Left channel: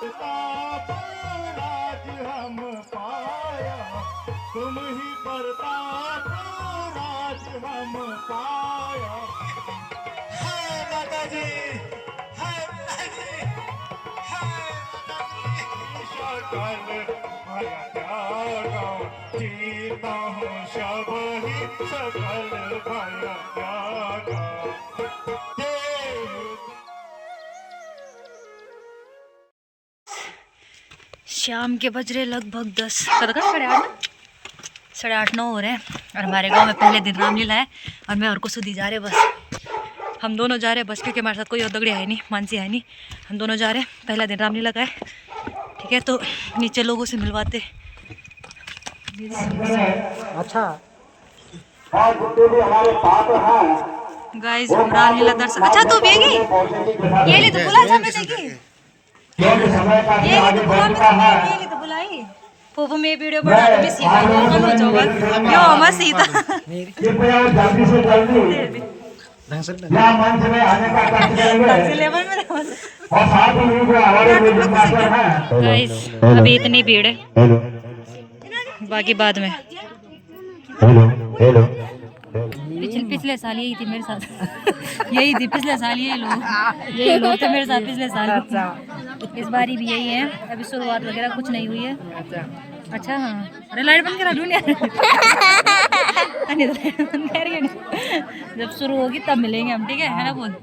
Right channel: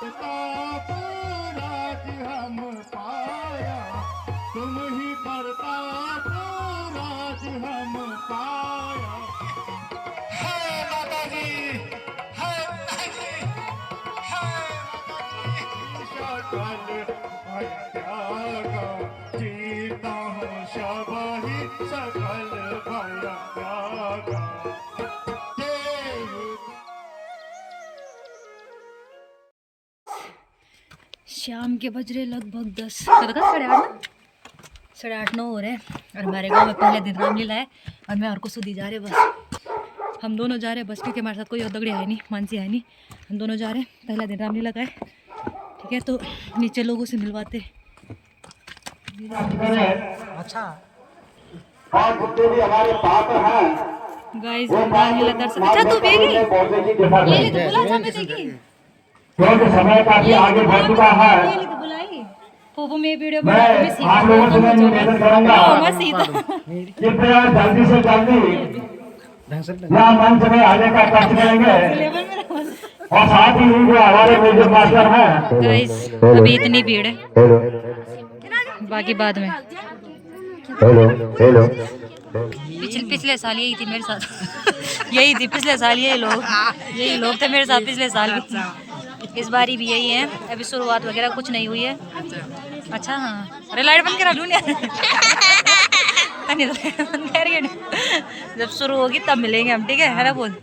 प्रताप राज हम पाया, तुम ही प्रताप राज हम पाया। हाय माता जी, हाय माता जी, हाय माता जी। सकल माया त्यागा, जीता हूँ शब ही सकल माया त्यागा। शाम के बज रहे लगभग 10 साढ़े आठ 9 हो रहे हैं और हमारे गांव में पहले दिन रामलीला है और मैं और कुसुदी जा रहे हैं बस। हम दोनों जा रहे हैं बस क्योंकि हमारे साथ कोई और दगड़ी है नहीं, मानसी है नहीं। हम दोनों जा रहे हैं, पहला दिन रामलीला का है। ठीक है, तो नीचे लोगों से मिलवाते। अच्छा गाइस हम रामलीला दर्शन। अच्छा तू बेगी ये ली तो बुला समय देगी, ये ली तो बुला मैं, ये ली तो बुलाई पोपो में वीडियो बना रहे मैं सीधा कौन हो जाऊंगा यो मैं सीधा ढंग से यहाँ मंच में आने का कष्ट करेंगे लेवल में रहो। और साथ ही जो हमारे म्यूजिक मास्टर हैं। गाइस अभी इतनी भीड़ है, बाकी बाद में। हेलो पिछले साल यही थी मेरे साथ यही थी पिछले साल यही लोग थे मेरे साथ पिछले साल भी। इस बारी भी यही है। अभी शुरुआत वगैरह कुछ नहीं हुई है। अच्छा हाँ, अरे लाइट बंद करा दुनिया बंद कर, जब शुरू होगी तब मिलेंगे हम। ठीक है ना? बोल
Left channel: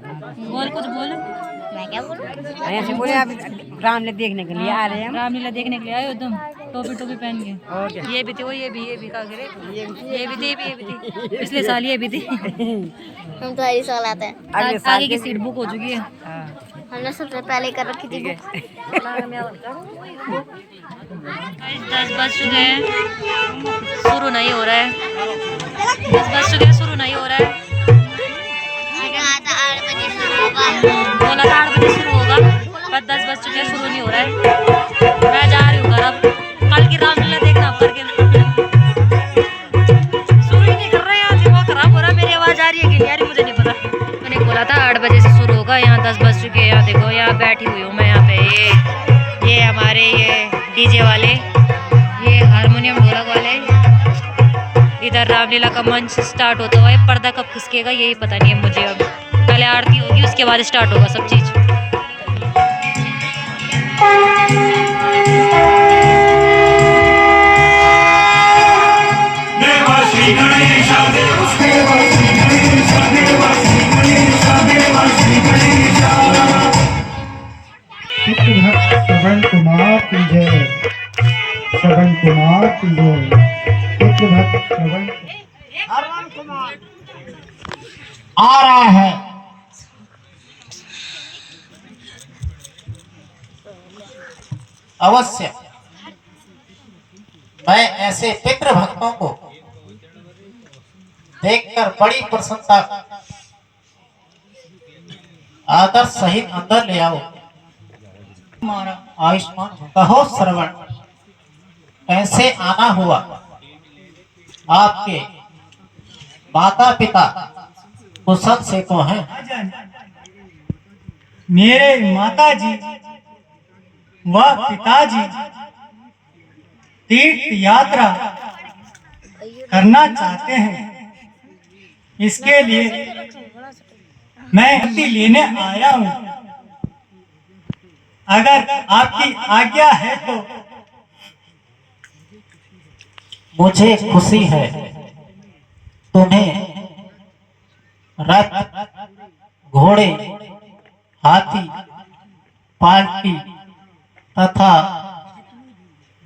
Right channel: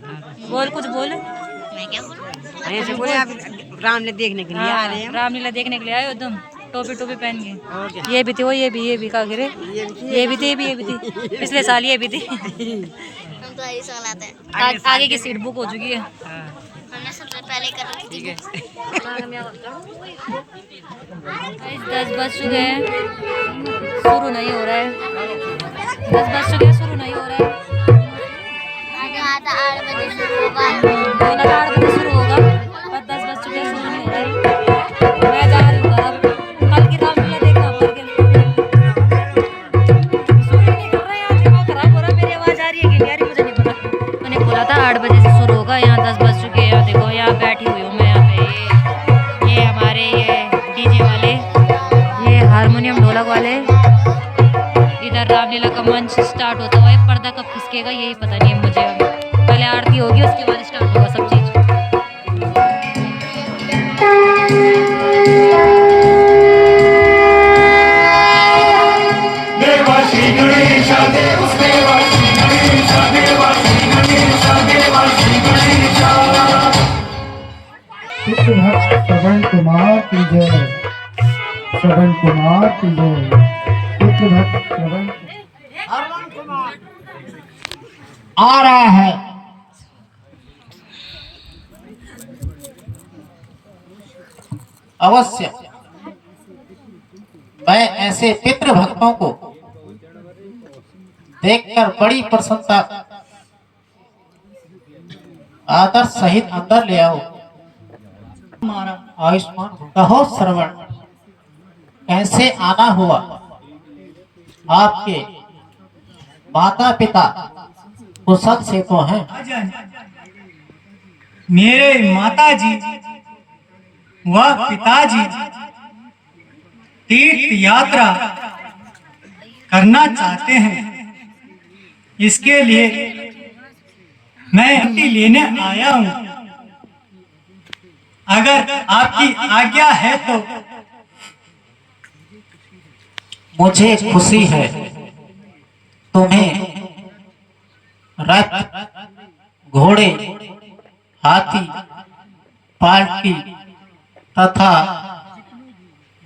बोल कुछ बोल। मैं क्या बोलूं? ऐसे बोले आप रामलीला देखने के लिए आ रहे हैं। रामलीला देखने के लिए आए हो तुम, टोपी पहन के। और क्या? ये भी थी वो, ये भी का गिरे, ये भी थी पिछले साल ये भी थी। हम तो हरी साल आते हैं। आगे की सीट बुक हो चुकी है। हमने सबसे पहले कर रखी थी। 10 बज चुके हैं, शुरू नहीं हो रहा है। 10 बज चुके हैं, शुरू नहीं हो रहा है। कहा था 8 बजे शुरू होगा। बोला था 8 बजे शुरू होगा, पर 10 बज चुके हैं, शुरू नहीं हो रहा है। मैं जा रही हूँ घर अब। कल की रामलीला देखना अब करके। शुरू ही नहीं कर रहे हैं, यहाँ दिमाग खराब हो रहा है। मेरी आवाज़ आ रही है कि नहीं आ रही मुझे नहीं पता। मैंने बोला था 8 बजे से शुरू होगा, यहाँ 10 बज चुके हैं। यहाँ देखो, यहाँ बैठी हुई हूँ मैं यहाँ पे। ये हमारे ये डीजे वाले, ये हारमोनियम ढोलक वाले। इधर रामलीला का मंच स्टार्ट होता हुआ है। पर्दा कब खिसकेगा यही पता नहीं है मुझे। अब पहले आरती होगी, उसके बाद स्टार्ट होगा सब चीज़। श्रवण कुमार की जय, श्रवण कुमार की जय। श्रवण कुमार आ रहा है। अवश्य मैं ऐसे पितृ भक्तों को देखकर बड़ी प्रसन्नता आदर सहित अंदर ले आओ। आयुष्मान कहो श्रवण, कैसे आना हुआ? आपके माता पिता कुशल से तो हैं? मेरे माताजी व पिताजी तीर्थ यात्रा करना चाहते हैं। इसके लिए मैं अनुमति लेने आया हूँ। अगर आपकी आज्ञा है तो मुझे खुशी है तुम्हें रथ, घोड़े, हाथी, पालकी तथा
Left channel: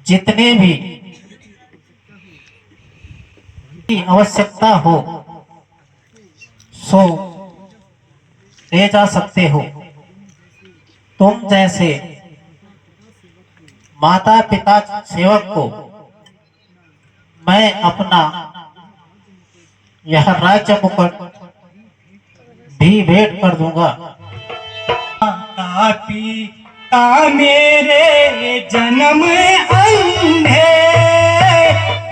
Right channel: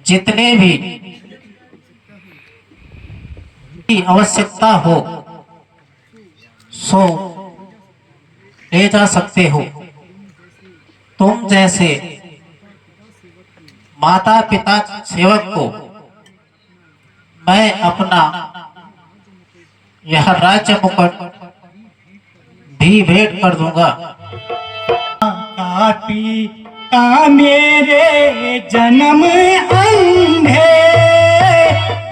जितने भी की आवश्यकता हो सो ले जा सकते हो। तुम जैसे माता पिता सेवक को मैं अपना यह राज्य मुकुट भी भेंट कर दूंगा। पिता मेरे जन्म अंधे,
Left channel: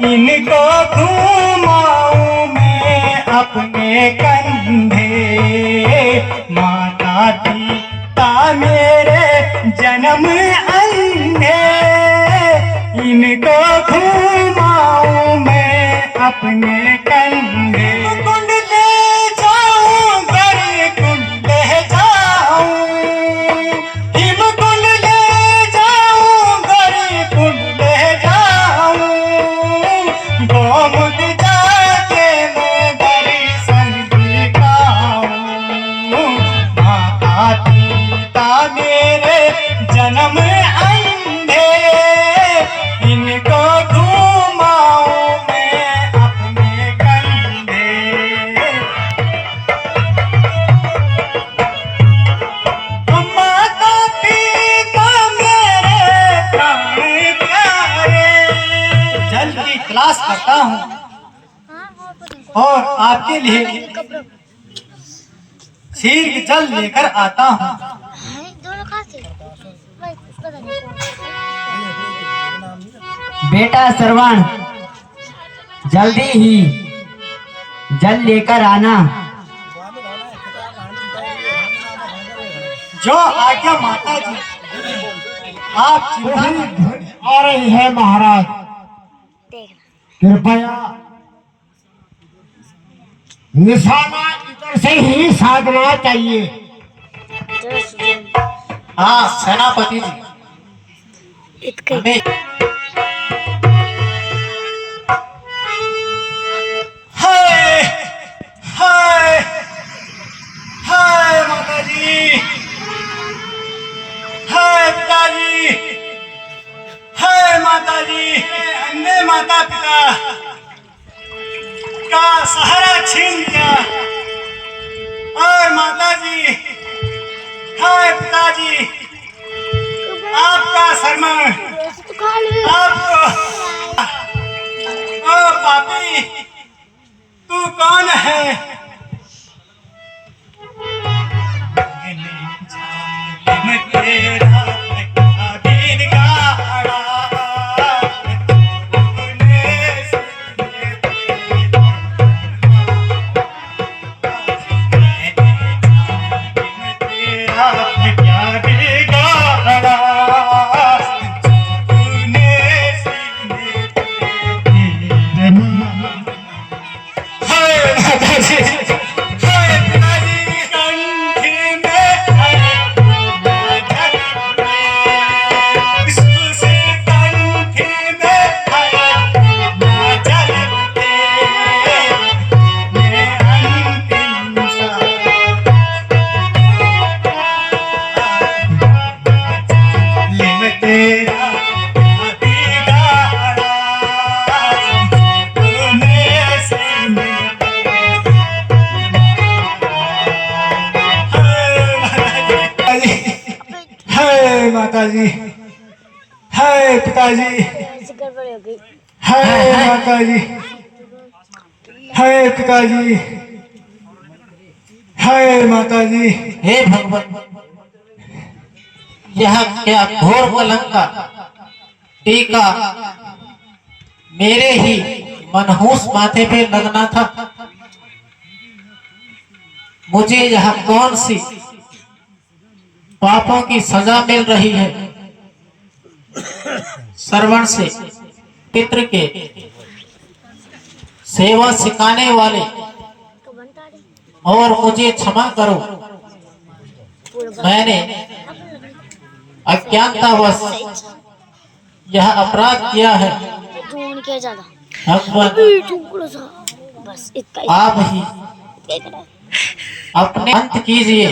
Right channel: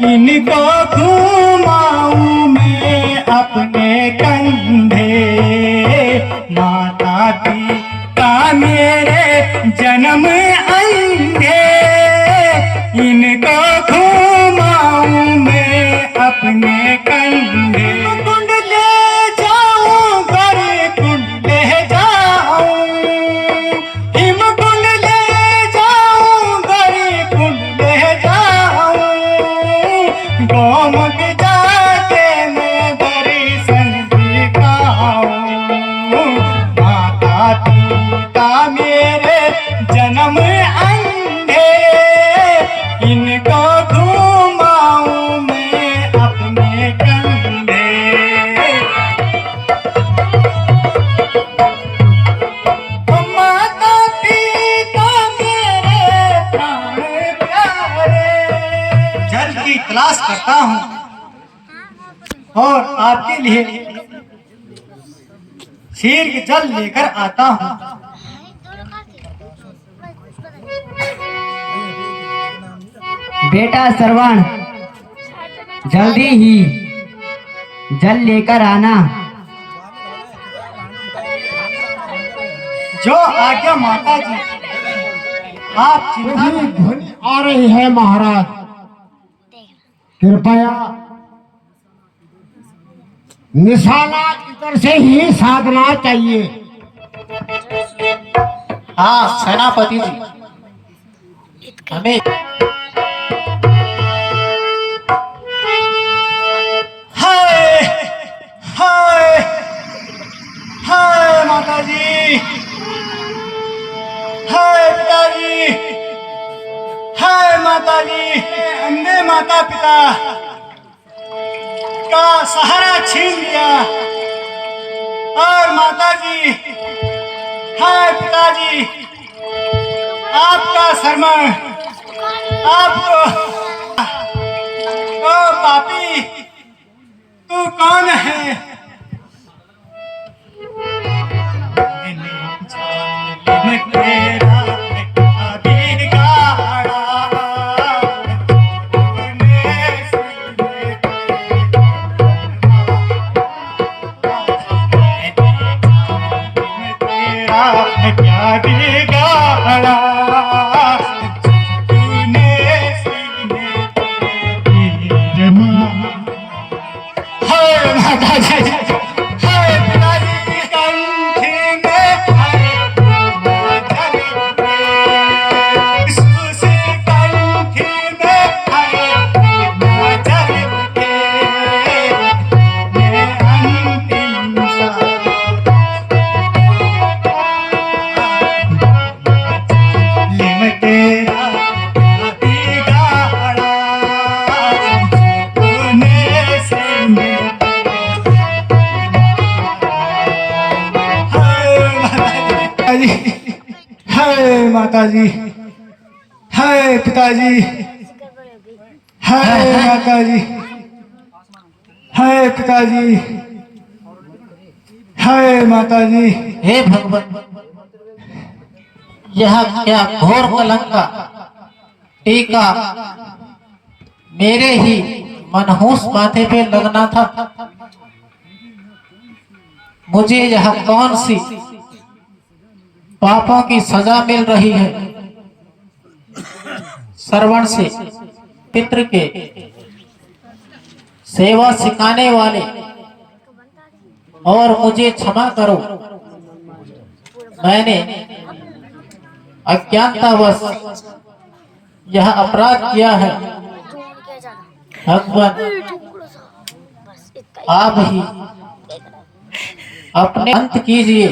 इनको घुमाऊं मैं अपने कंधे। माता पिता मेरे जन्म अंधे, अपने कंधे। कुंड ले जाऊं गरी कुंड ले जाऊं, हिम कुंड ले जाऊं गरी कुंड ले जाऊं, गोमुख जाके मैं दर्शन दिखाऊं। माता पिता मेरे जन्म अंधे, इनको घुमाऊं मैं अपने कंधे। माता पिता मेरे प्राण प्यारे, जल की तलाश करता हूँ और आपके लिए क्षीर जल लेकर आता हूँ। दोनों कहाँ से? बेटा श्रवण, जल्दी ही जल लेकर आना। जो आज्ञा माता जी, आप चिंता वही न ध्वनि आ रही है महाराज, कृपया निशाना इधर से ही साधना चाहिए। हाँ सेनापति जी, हमें हाय हाय हाय माता जी, हाय पिताजी, हाय माता जी। अंधे माता पिता का सहारा छीन लिया और माता जी, हाय पिताजी, आपका शरण आपको। ओ पापी, तू कौन है? मैं तेरा दिन गाड़ा, तूने सुने तेरा क्या बिगाड़ा, तूने सीने तेरे माँ। हाय माता जी, हाय पिताजी, कंठी में हाय जल में, सुसे कंठी में हाय जल में, मैं अंतिम सांस ले मैं तेरा बिगाड़ा, तूने सीने हाय माता जी, हाय पिताजी, हाय माता जी, हाय पिताजी, हाय माता जी। हे भगवान, यह क्या घोर कलंक का टीका मेरे ही मनहूस माथे पे लगना था। मुझे यह कौन सी पापों की सजा मिल रही है? श्रवण से पितृ के सेवा सिखाने वाले, और मुझे क्षमा करो, मैंने अज्ञानतावश यह अपराध किया है। भगवान, आप ही अपने अंत कीजिए,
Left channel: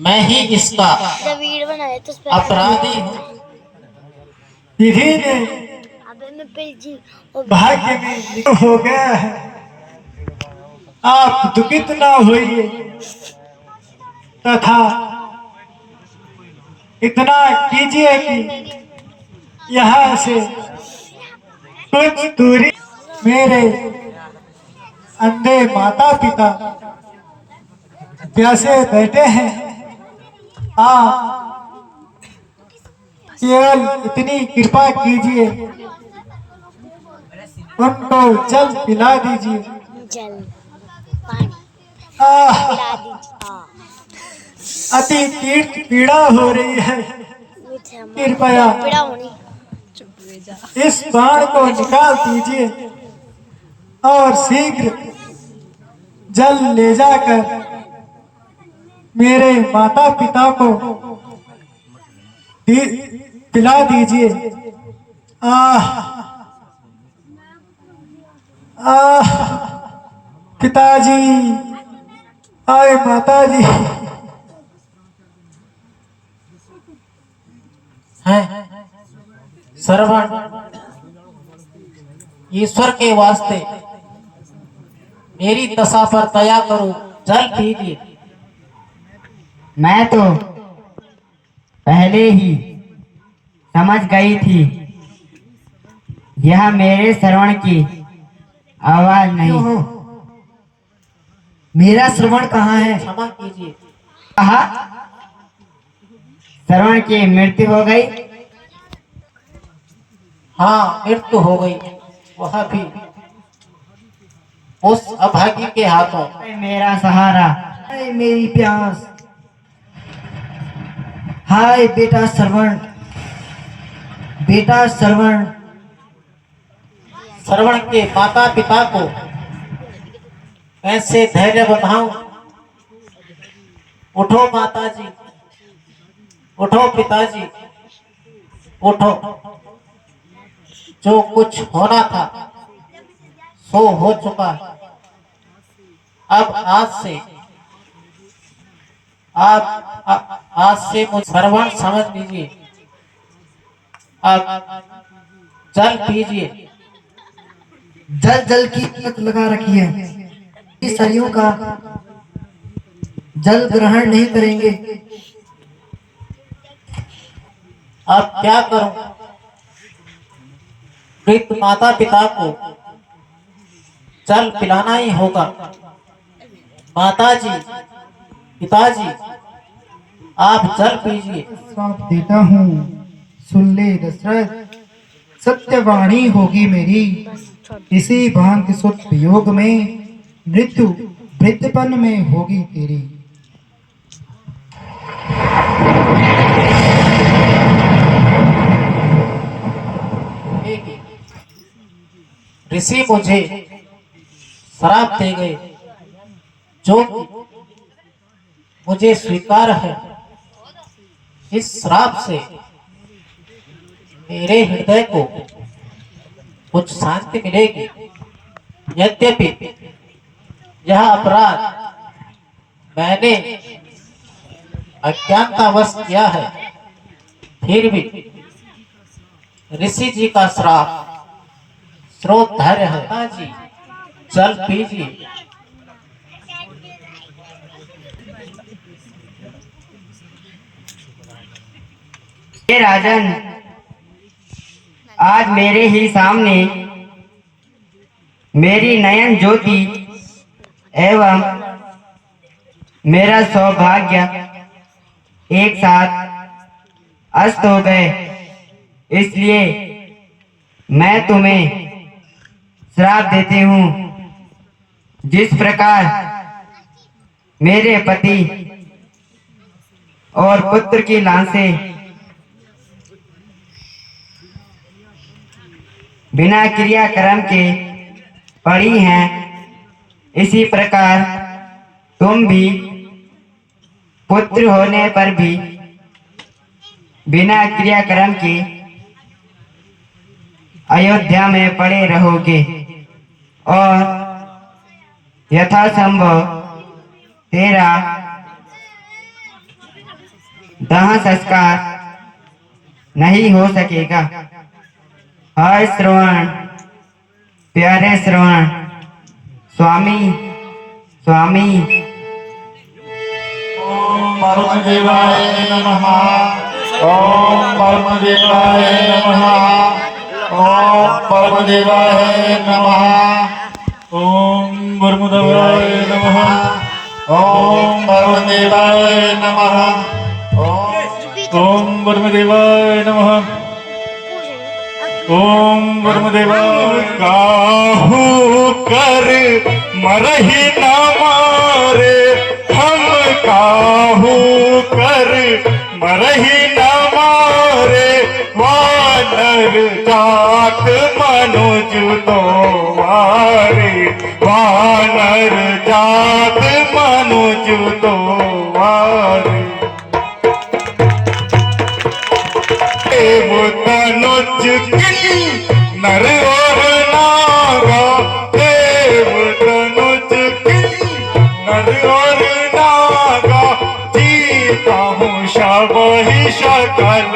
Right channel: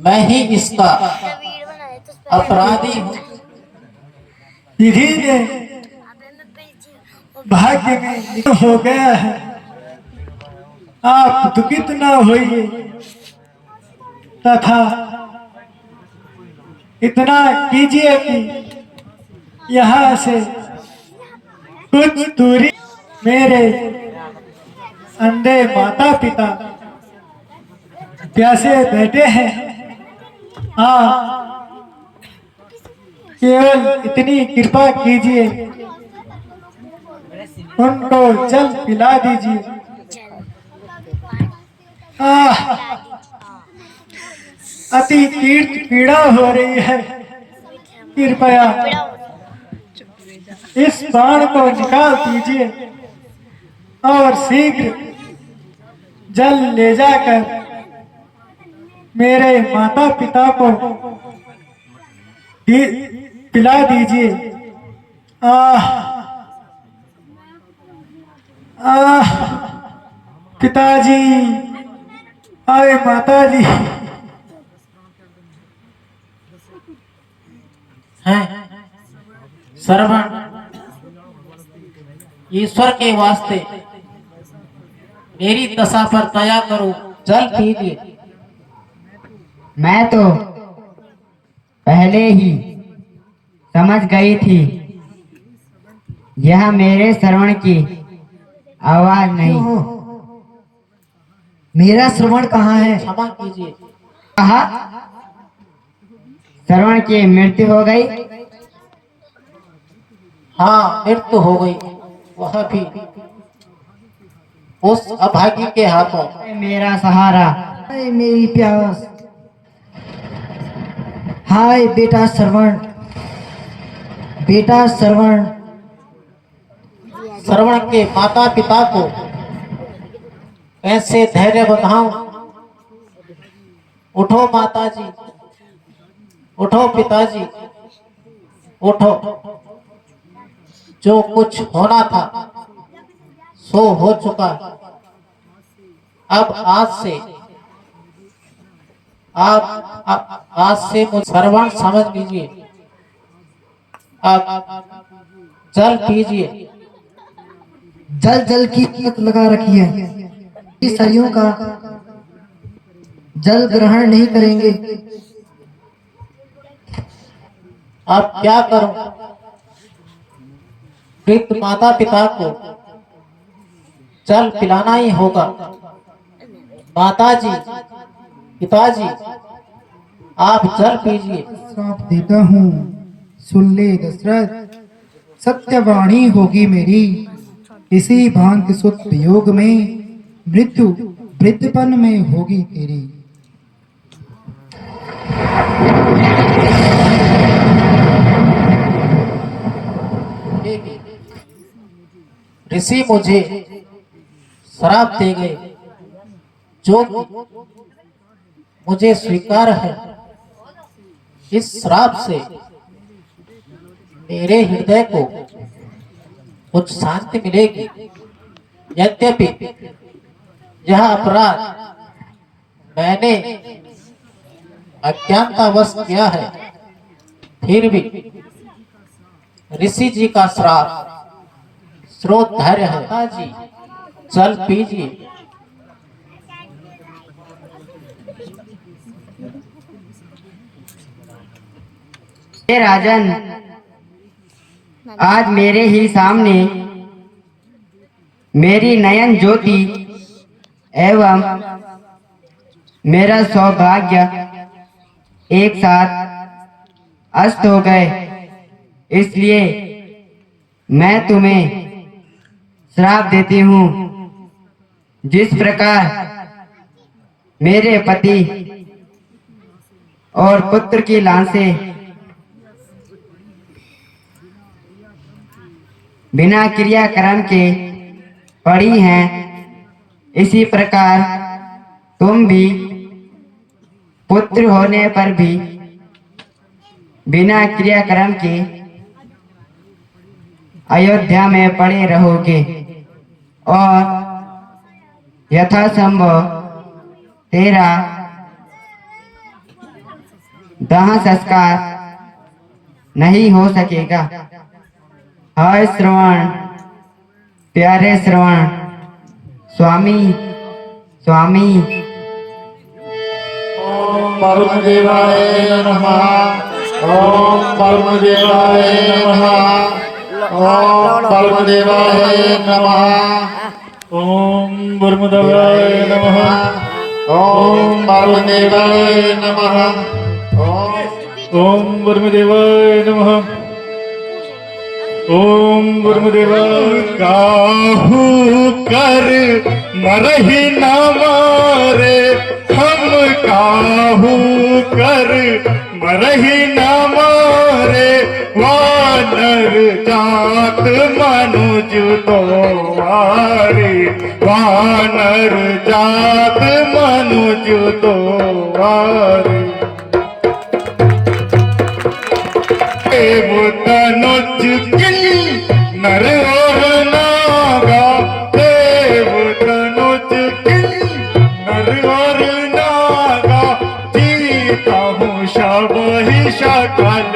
मैं ही इसका अपराधी हूँ। विधि ने भाग्य में लिखा हो गया है, आप दुखित न होइए तथा इतना कीजिए कि यहाँ से कुछ दूरी मेरे अंधे माता पिता प्यासे बैठे हैं, केवल इतनी कृपा कीजिए, उनको जल पिला दीजिए। अति तीर्थ पीड़ा हो रही है, कृपया इस बाण को निकाल दीजिए। और शीघ्र जल ले जाकर मेरे माता पिता को पिला दीजिए। आह आह पिताजी, आए माताजी। हैं श्रवण, ईश्वर के वास्ते मेरी दशा पर दया करो, जल पीजिए। मैं तो पहले ही समझ गई थी यह मेरे श्रवण की आवाज नहीं। मेरा श्रवण कहाँ है? क्षमा कीजिए। कहा श्रवण की मृत्यु हो गई? हाँ, मृत्यु हो गई, वह भी उस अभागी के हाथों। मेरा सहारा, हाय मेरी प्यास, हाय बेटा श्रवण, बेटा श्रवण। श्रवण के माता पिता को कैसे धैर्य बंधाऊं? उठो माताजी, उठो पिताजी, उठो। जो कुछ होना था सो हो चुका। अब आज से मुझे श्रवण समझ लीजिए। अब जल पीजिए। जल की लत लगा रखी है, सरियों का जल ग्रहण नहीं करेंगे। अब क्या करूं? वृद्ध माता पिता को जल पिलाना ही होगा। माताजी, पिताजी, आप जल पीजिए। श्राप देता हूँ, सुन ले दशरथ, सत्यवाणी होगी मेरी। इसी भांति सुत वियोग में मृत्यु वृद्धपन में होगी तेरी। ऋषि मुझे श्राप दे गए, जो मुझे स्वीकार है। इस श्राप से मेरे हृदय को कुछ शांति मिलेगी। यद्यपि यह अपराध मैंने अज्ञानतावश किया है, फिर भी ऋषि जी का श्राप स्रोत धैर्य है। जी, जल पीजिए। हे राजन, आज मेरे ही सामने मेरी नयन ज्योति एवं मेरा सौभाग्य एक साथ अस्त हो गए। इसलिए मैं तुम्हें श्राप देती हूँ। जिस प्रकार मेरे पति और पुत्र की लाशें बिना क्रियाक्रम के पड़ी हैं, इसी प्रकार तुम भी पुत्र होने पर भी बिना क्रियाक्रम के अयोध्या में पड़े रहोगे और यथासंभव तेरा दाह संस्कार नहीं हो सकेगा। हाय श्रवण, प्यारे श्रवण, स्वामी स्वामी। ओम वरुणदेवाय नमः। ओम वरुणदेवाय नमः। ओम वरुणदेवाय नमः। ओम वरुणदेवाय नमः। ओम वरुणदेवाय नमः। ओम वरुणदेवाय नमः। ओम वरुणदेवाय। काहू कर मरहि न मारे, हम काहू कर मरहि न मारे। वार वानर जात मनुज तो वारे, वानर जात मनुज तो वारे। देव तनुज किन नर और नागा, देव तनुज किन नर और नागा, जीता हूँ शबहि सकल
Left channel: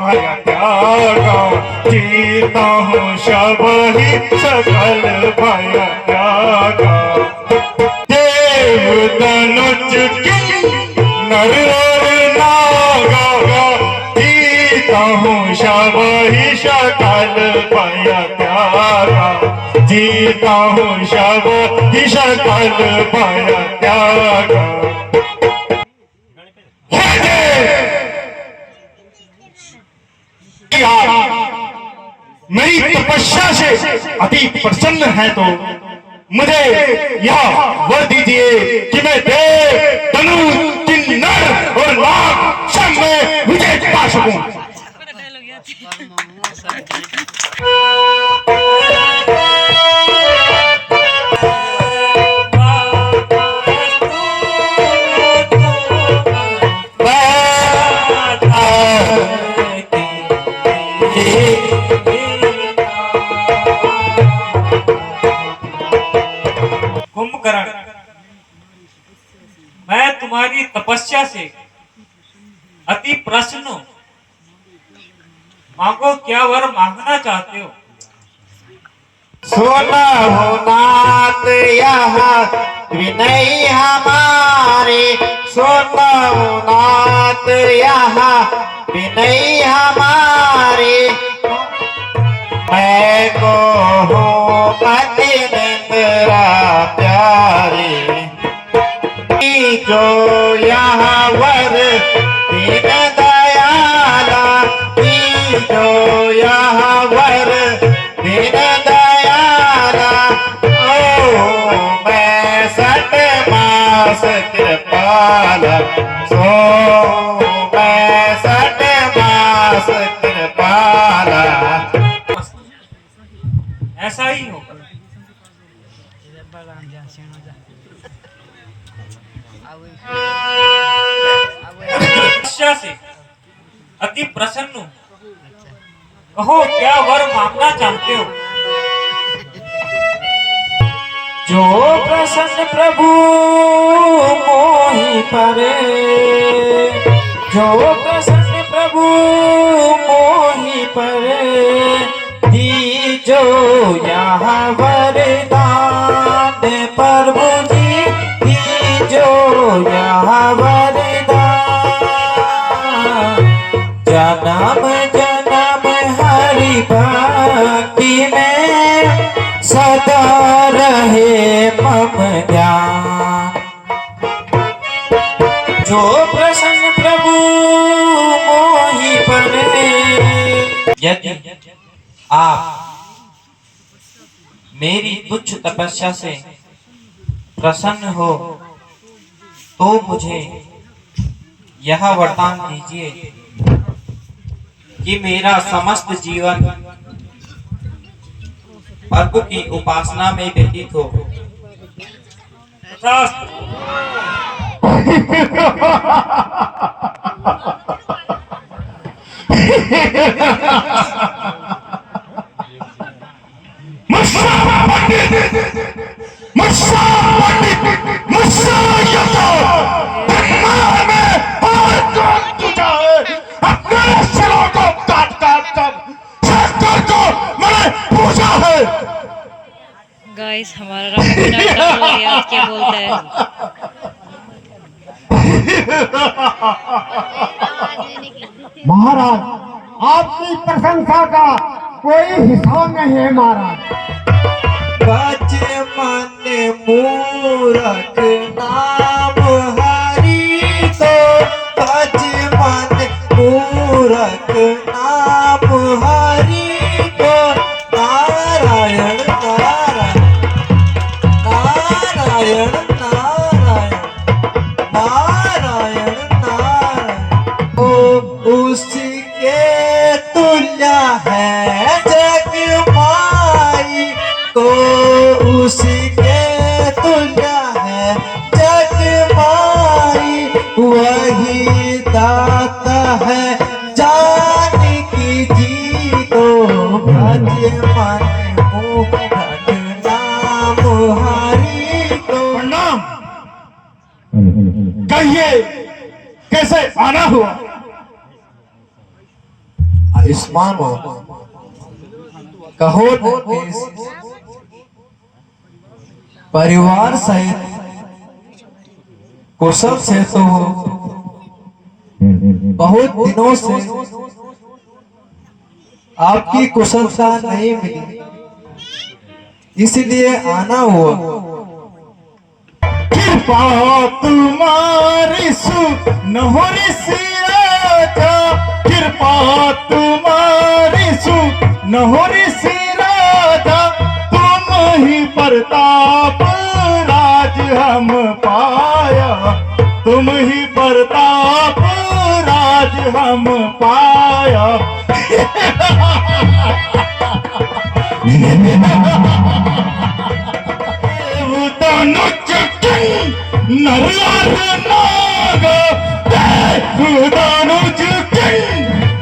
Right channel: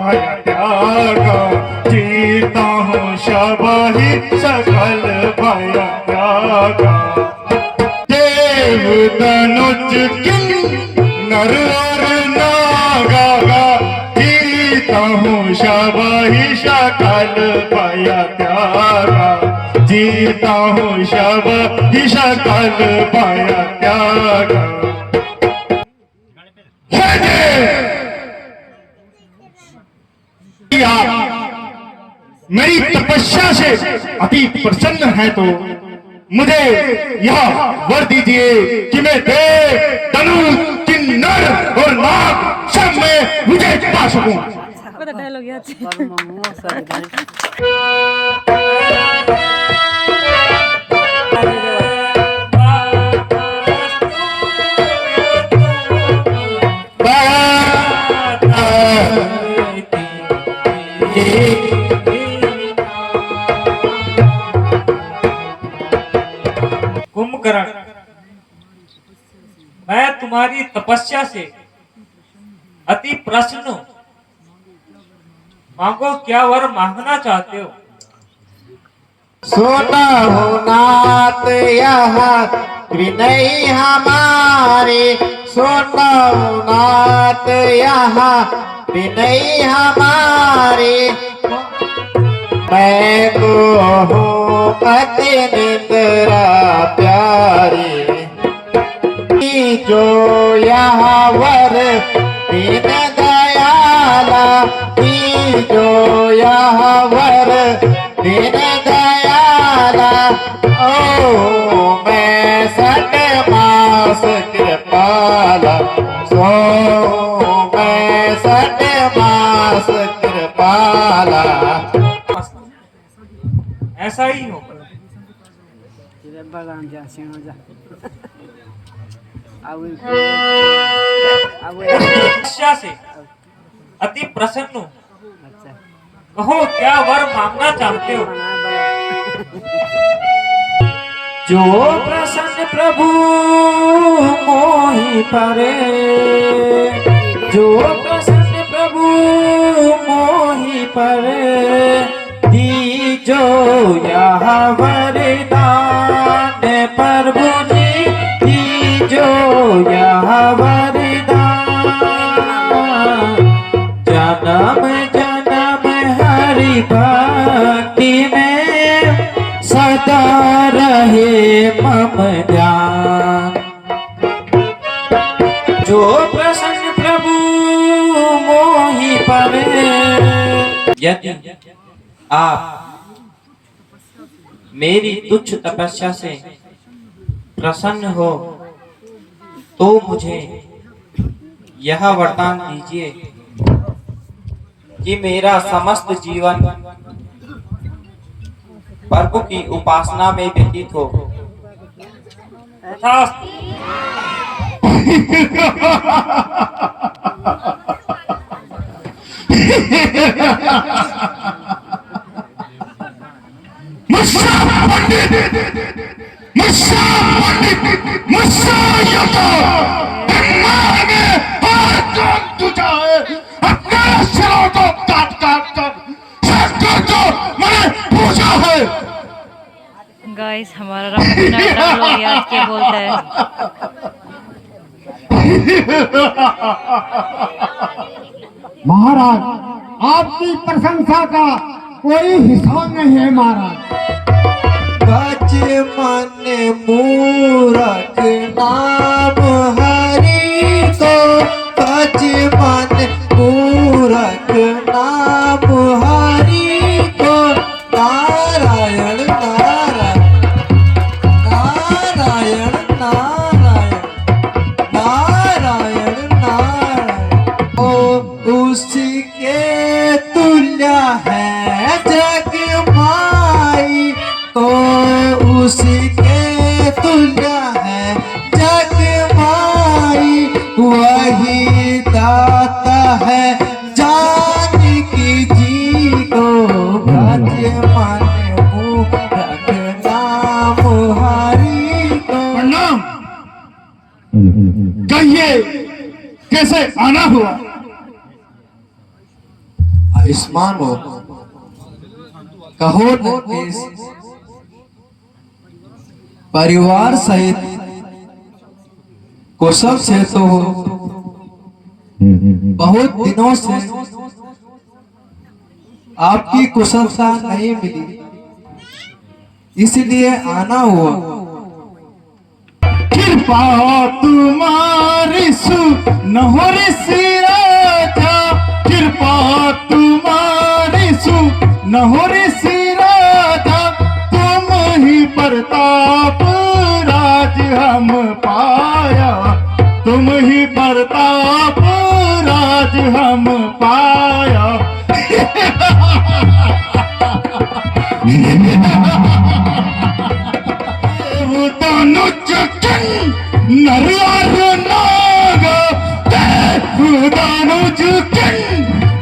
भय त्यागा, जीता हूँ शबहि सकल भय त्यागा। देव तनुज किन नर और नागा, जीता हूँ शबहि सकल भय त्यागा, जीता हूँ शबहि सकल भय त्यागा। मेरी तपस्या से अति प्रसन्न है तो मुझे यह वर दीजिए कि मैं देव, धनु, किन्नर और नाग सब में विजय पा सकूं। कुंभकर्ण, मैं तुम्हारी तपस्या से अति प्रसन्न हूं। मांगो, क्या वर मांगना चाहते हो? सुन हो नाथ यह विनय हमारे, सुन हो नाथ यह विनय हमारे। मैं को हो पति निंद्रा प्यारे, जो यह वर दीन दयाला, जो यह वर दीन दयाला। ओ मैं सट मास कृपाला, सो मैं सट मास कृपाला। ऐसा ही होगा। तपस्या से अति प्रसन्न हूं। कहो, क्या वर मांगना चाहते हो? जो प्रसन्न प्रभु मोहि परे, जो प्रसन्न प्रभु मोहि परे। दीजो यह वरदान प्रभु जी, दीजो यह वरदान। जन्म जन्म हरि भक्ति में सदा रहे मम ध्यान। जो प्रसन्न प्रभु मोहि परे। यदि आप मेरी तुच्छ तपस्या से प्रसन्न हो तो मुझे यह वरदान दीजिए कि मेरा समस्त जीवन प्रभु की उपासना में व्यतीत हो। गाइस, हमारा रामलीला डाउनलोड हो गया। आज क्या बोलता है? महाराज, आपकी प्रशंसा का कोई हिसाब नहीं है महाराज। बच मन मूरख नाम हरि को, बच मन मूरख नाम हरि को। नारायण नारायण नारायण नारायण नारायण नारायण। ओ उसके तुल्य है जग माई तो उसके तुल्य है जग माई। वही दाता है जानकी जी को भज मन मुख नाम हरि को। प्रणाम। कहिए कैसे आना हुआ? आयुष्मान हो कहो नरेश, परिवार सहित कुशल से तो बहुत दिनों से आपकी कुशलता नहीं मिली, इसलिए आना हुआ। कृपा तुम्हारी सुनहरी सी राजा, कृपा तुम्हारी सुनहरी सी राजा। तुम ही प्रताप राज हम पाया, तुम ही प्रताप राज हम पाया। नरवार नाग दानुज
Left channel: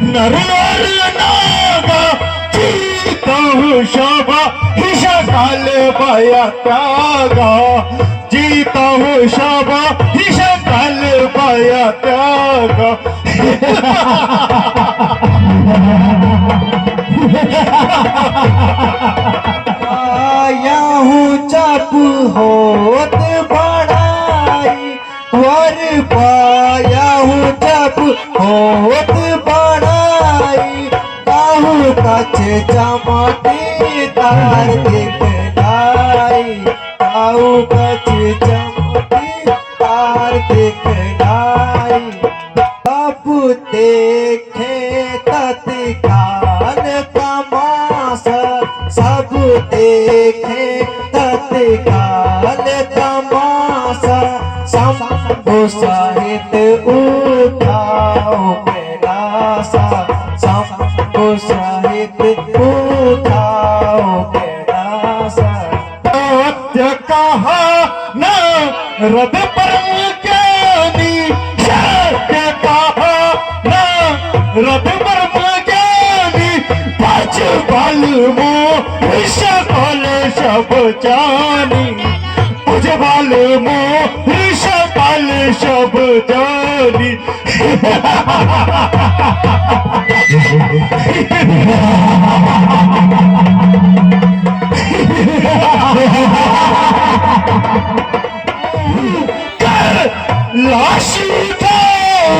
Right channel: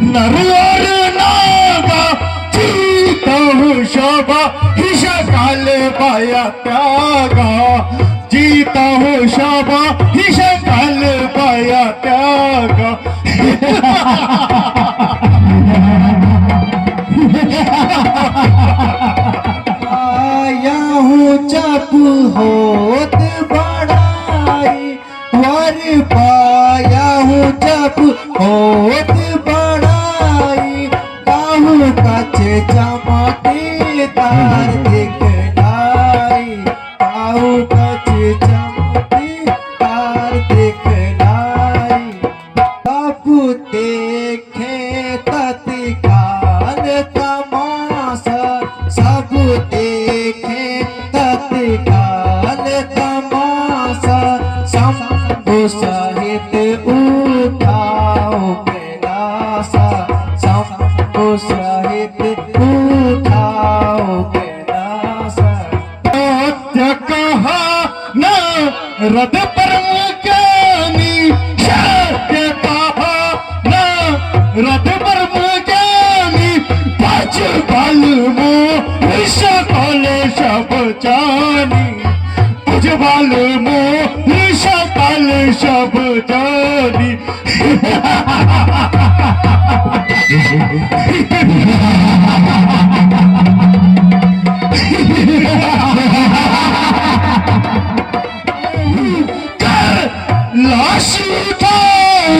नरवार नाग जीता शाबा हिशा काल पाया त्यागा, जीता शाबा हिशा काल पाया त्यागा। आया हूँ चाकू होत बड़ाई, वर पाया हूँ चाकू होत बड़ाई। काहू कचे चमकी तार दिखलाई, काहू कचे चमकी तार दिखलाई। सब देखे तत्काल तमाशा, सब देखे तत्काल तमाशा। शंभु सहित उठाओ कैलासा, शंभु सहित उठाओ कैलासा। सत्य कहा न रद परम ज्ञानी, सत्य कहा न रद परम ज्ञानी। भज बल मोह सकल सब जानी, भज बल मोह सकल सब जानी। लाश उठाओ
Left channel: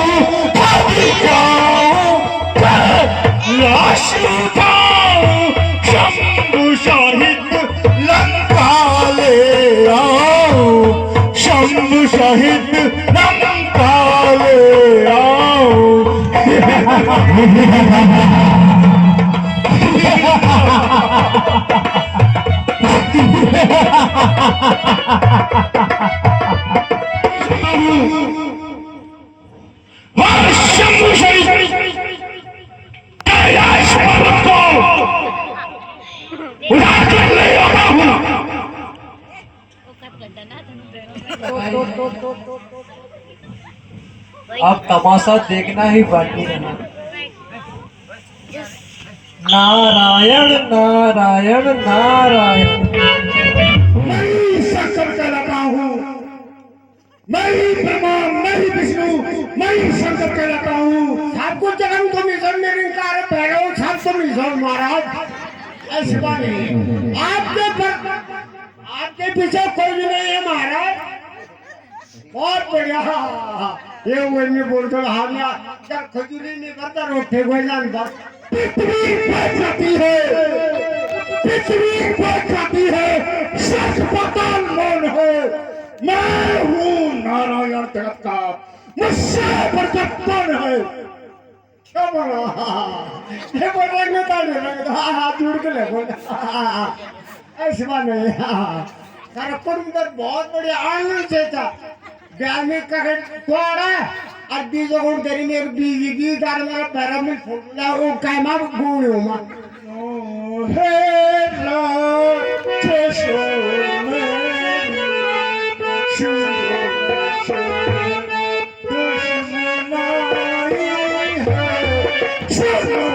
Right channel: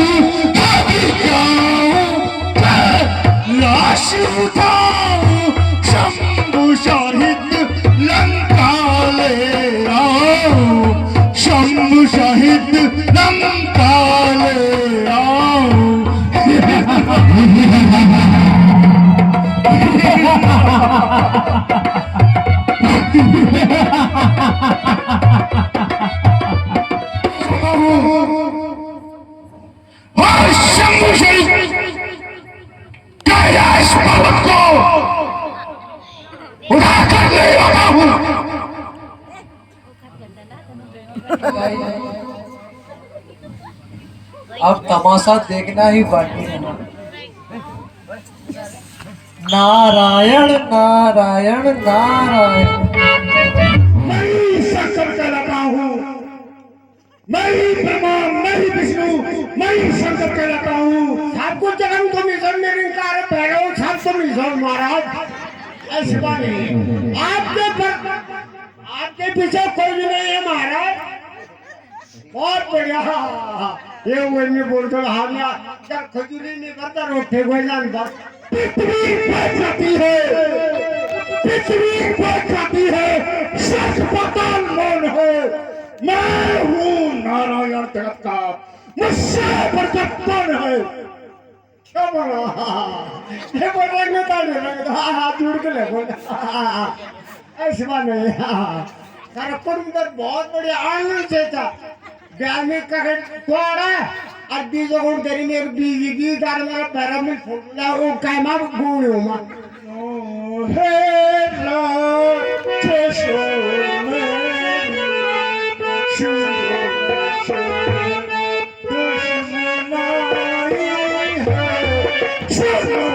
कभी गाऊं, लाश उठाओ शंभु शाहिद लंका ले आओ, शंभु शाहिद लंका ले आओ। शंभु शाहिद कैलाश पर्वत को उठाकर ले आता हूँ। अब तमाशा देखना ही बाकी रहना। नारायण नारायण नारायण। मैं ही शंकर कहलाता हूँ, मैं ही ब्रह्मा, मैं ही विष्णु, मैं ही शंकर कहलाता हूँ। आपको जन्म तो मिशन में निकाल पैरों सब तो मिशन महाराज। ऐसी बात नहीं, आपके पीछे कोई भी नहीं है महाराज। बहुत बढ़िया। ये वही बोलते हामिया क्या खजूरी नहीं करता रोटे को जानता। पृथ्वी पर जाती है, पृथ्वी पर जाती है, सच पाताल मौन है। मैं हूँ नारायण जगत का, मुझसे प्रकट कौन है? क्या बोला? ये बोल रहे मैं ताने लगा। हाथ जोड़ के ले बोल। ऐसी बात नहीं। कार्यक्रम पर बहुत बढ़िया आनंद से था। ब्याह में ककर तोड़ा और बीजों को तेरी मेरे बीजी भी गार मेरा पैरा में फूला वो काय मां गुण हो मां हे रात शो में शुरू दुश्मनाई है शुरू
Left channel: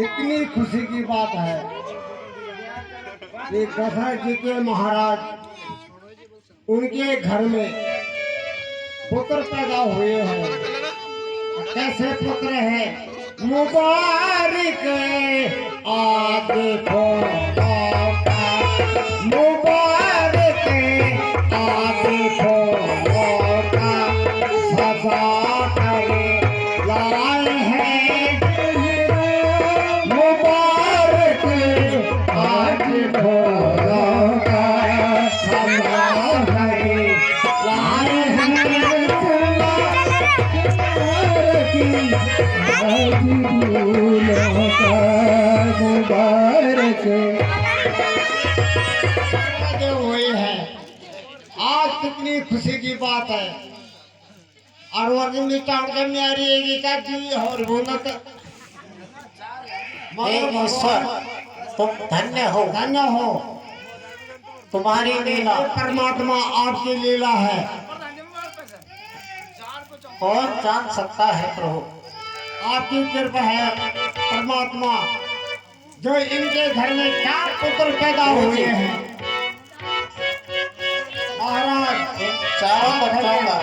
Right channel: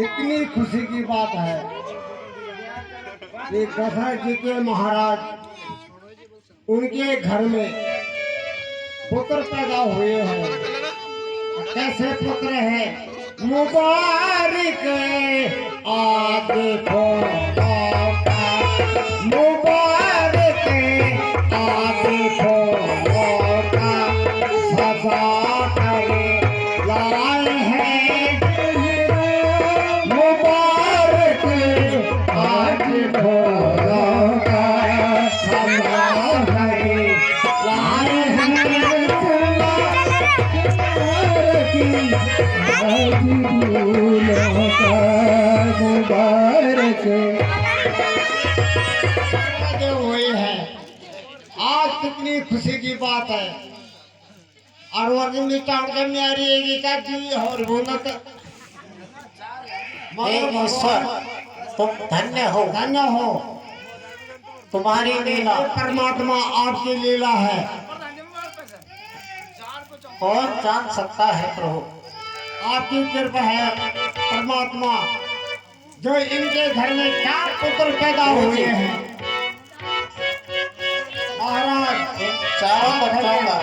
इतनी खुशी की बात है कि दशरथ जी के महाराज उनके घर में पुत्र पैदा हुए हैं। कैसे पुत्र है? मुबारक आदि को मुबारक आज फूलों का सजा करे लाए हैं मुबारक आज फूलों का सजा करे लाए हैं मुबारक हुए हैं। आज कितनी खुशी की बात है और वर्ग के मेरी का जी और बोलत हे ईश्वर तुम धन्य हो तुम्हारी लीला परमात्मा आपकी लीला है। कौन जान सकता है प्रभु। आपकी कृपा है परमात्मा जो इनके घर में 4 पुत्र पैदा हुए हैं महाराज। इन चारों बच्चों का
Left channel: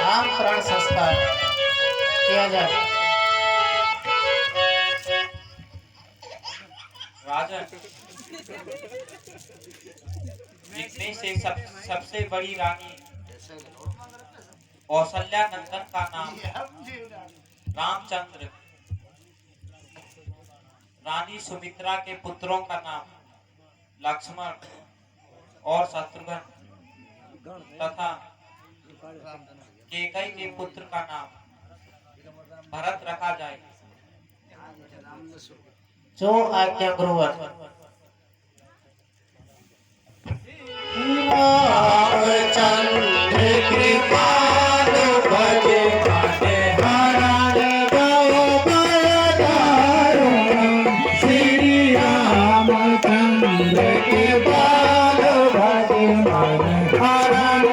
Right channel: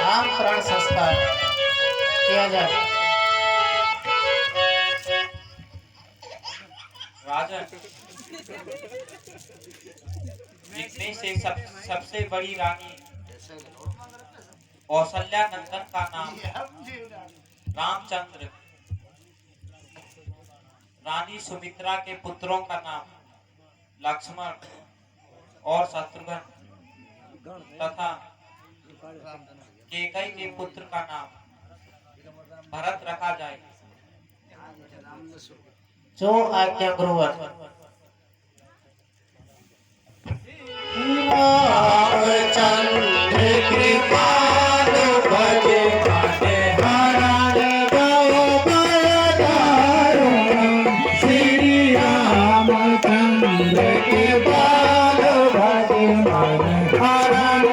नाम प्राण संस्कार किया जाए। राजन जिसमें से सबसे बड़ी रानी कौशल्या नंदन का नाम रामचंद्र, रानी सुमित्रा के पुत्रों का नाम लक्ष्मण और शत्रुघ्न तथा केकई के पुत्र का नाम भरत रखा जाए। जो आज्ञा गुरुवर। रामचंद्र कृपालु भजे माने हरण गो बलदारुण श्री रामचंद्र कृपालु भजे माने हरण